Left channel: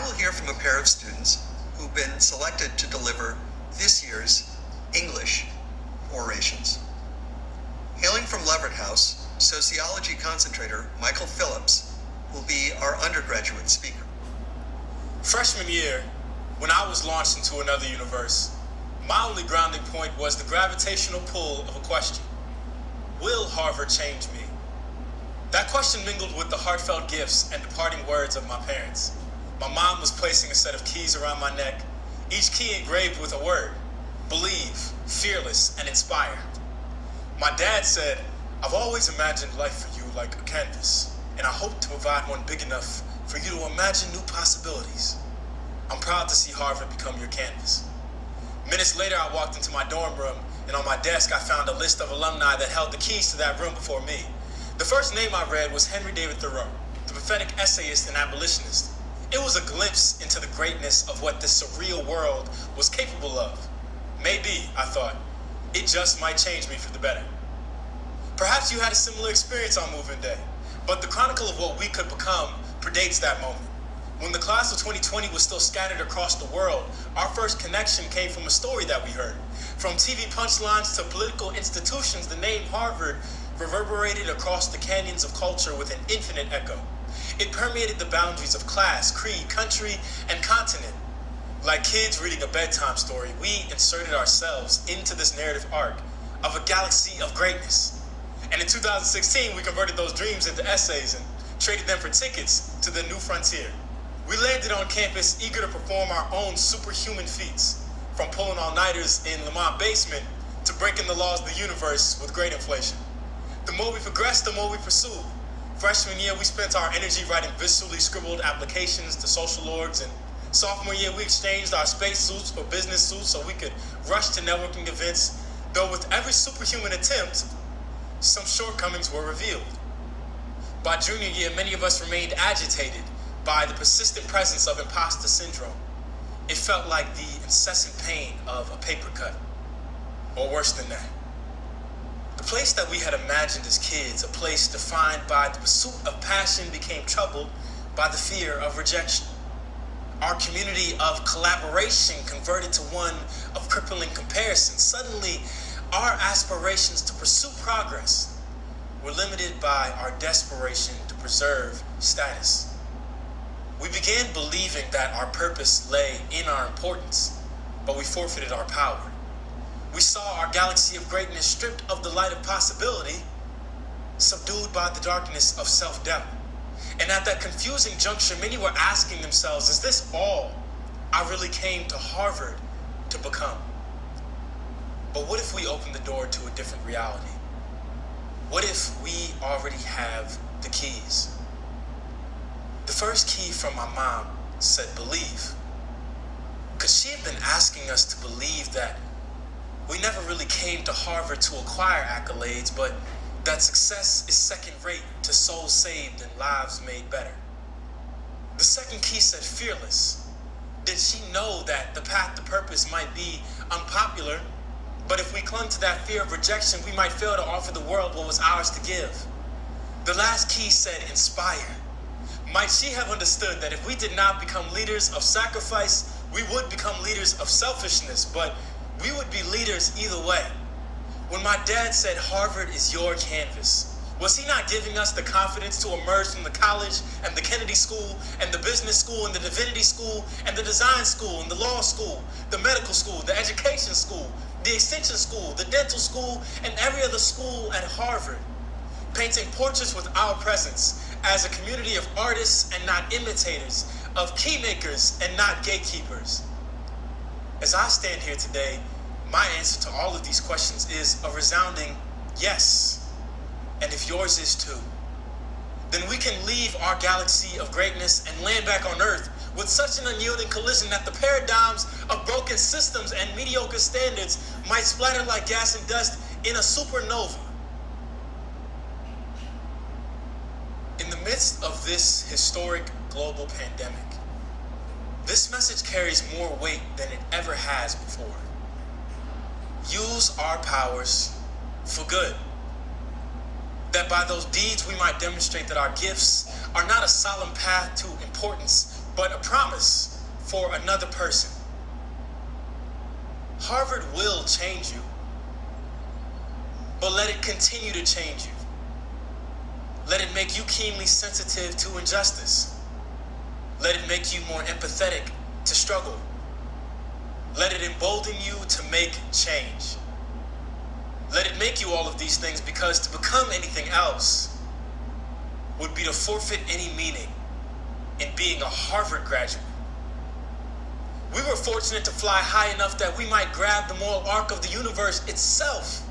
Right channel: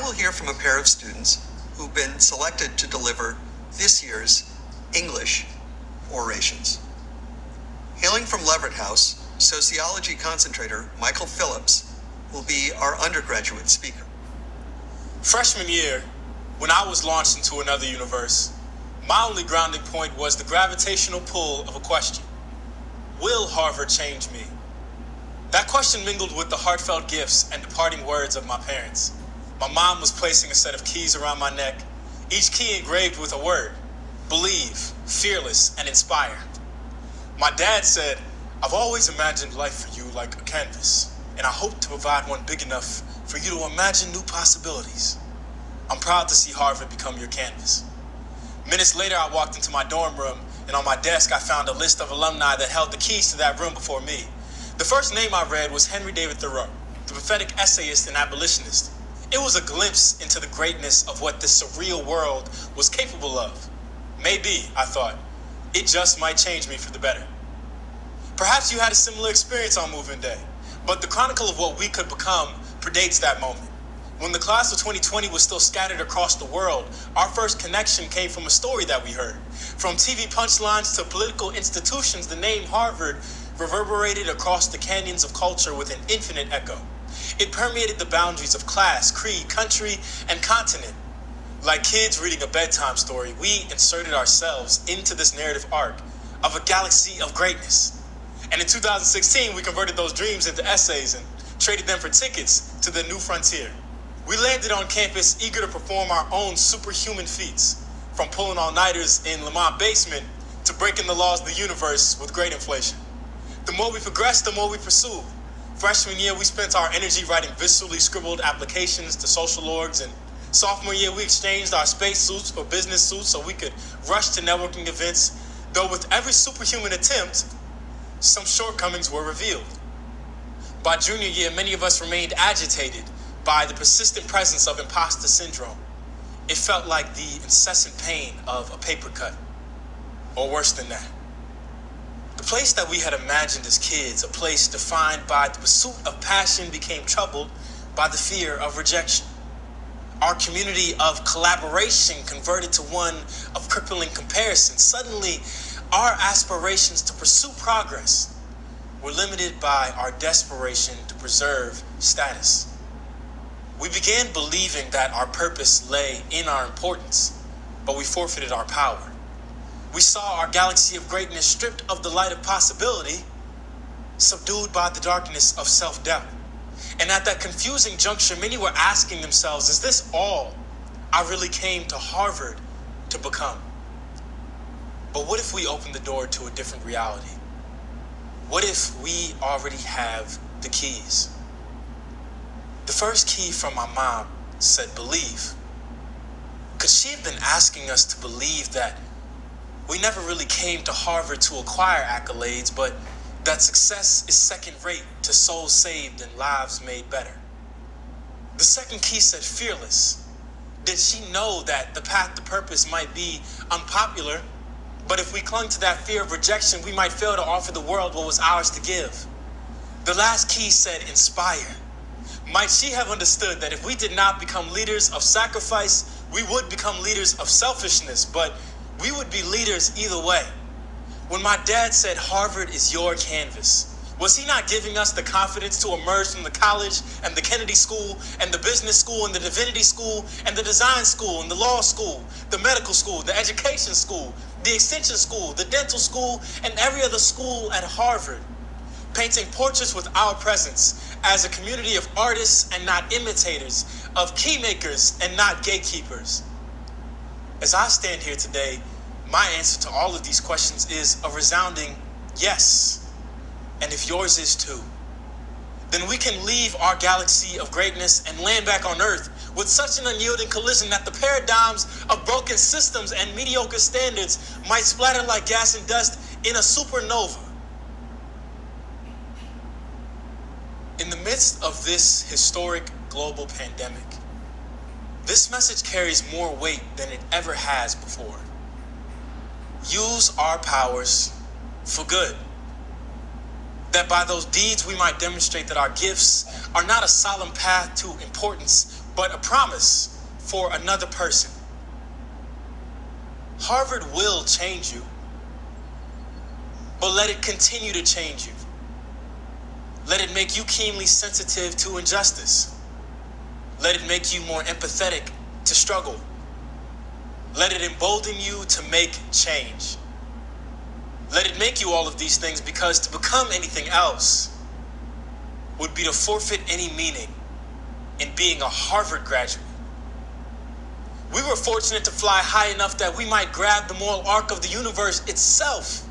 Now we'll hear from a pair of students who've been selected to deliver this year's English orations. Hailing from Leverett House, sociology concentrator Michael Phillips will be our undergraduate speaker. Freshman year, when I was launched into another universe, my only grounding point was the gravitational pull of a question. Will Harvard change me? That question mingled with the heartfelt gifts and departing words of my parents. My mom was placing a set of keys around my neck, each key engraved with a word: believe, fearless, and inspire. My dad said, "I've always imagined life for you like a canvas, and I hope to provide one big enough for you to imagine new possibilities. I'm proud to see Harvard become your canvas." Minutes later, I walked into my dorm room, and on my desk, I found a list of alumni that held the keys to that room before me. The first name I read was Henry David Thoreau, the prophetic essayist and abolitionist. It was a glimpse into the greatness of what this surreal world was capable of. Maybe, I thought, it just might change me for the better. Perhaps you had a similar experience on moving day, but the chronicle of what we could become predates that moment. When the class of 2020 was still scattered across the world, our first connection came from a story that we heard. From TV punchlines to political institutions, the name Harvard reverberated across the canyons of culture with an infinite echo. It permeated the boundaries of class, creed, country, and continent. Like kids reading a bedtime story, we inserted ourselves into this narrative arc of a galaxy of greatness. And in 2016, we converted those dreams into essays and traded them for tickets to the new frontier. We landed on campus eager to perform our own superhuman feats, from pulling all-nighters in Lamont basement to breaking the laws of the universe with great inflation. The more we progressed, the more we pursued. Freshman year, we spent our energy writing viscerally scribbled applications to social orgs, and sophomore year, we exchanged our space suits for business suits so we could rush to networking events, though with every superhuman attempt, some shortcomings were revealed. By junior year, many of us remained agitated by the persistent presence of imposter syndrome. It felt like the incessant pain of a paper cut, or worse than that. The place that we had imagined as kids, a place defined by the pursuit of passion, became troubled by the fear of rejection. Our community of collaboration converted to one of crippling comparison. Suddenly, our aspirations to pursue progress were limited by our desperation to preserve status. We began believing that our purpose lay in our importance, but we forfeited our power. We saw our galaxy of greatness stripped of the light of possibility, subdued by the darkness of self-doubt. And at that confusing juncture, many were asking themselves, is this all I really came to Harvard to become? But what if we opened the door to a different reality? What if we already have the keys? The first key from my mom said believe. Could she have been asking us to believe that we never really came to Harvard to acquire accolades, but that success is second rate to souls saved and lives made better? The second key said fearless. Did she know that the path to purpose might be unpopular, but if we clung to that fear of rejection, we might fail to offer the world what was ours to give? The last key said inspire. Might she have understood that if we did not become leaders of sacrifice, we would become leaders of selfishness, but we would be leaders either way? When my dad said Harvard is your canvas, was he not giving us the confidence to emerge from the college and the Kennedy School and the business school and the divinity school and the design school and the law school, the medical school, the education school, the extension school, the dental school, and every other school at Harvard, painting portraits with our presence as a community of artists and not imitators, of keymakers and not gatekeepers? As I stand here today, my answer to all of these questions is a resounding yes. And if yours is too, then we can leave our galaxy of greatness and land back on Earth with such an unyielding collision that the paradigms of broken systems and mediocre standards might splatter like gas and dust in a supernova. In the midst of this historic global pandemic, this message carries more weight than it ever has before. Use our powers for good. That by those deeds we might demonstrate that our gifts are not a solemn path to importance, but a promise for another person. Harvard will change you, but let it continue to change you. Let it make you keenly sensitive to injustice. Let it make you more empathetic to struggle. Let it embolden you to make change. Let it make you all of these things, because to become anything else would be to forfeit any meaning in being a Harvard graduate. We were fortunate to fly high enough that we might grab the moral arc of the universe itself.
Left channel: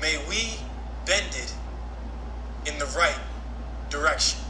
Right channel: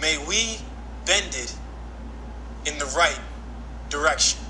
May we bend it in the right direction.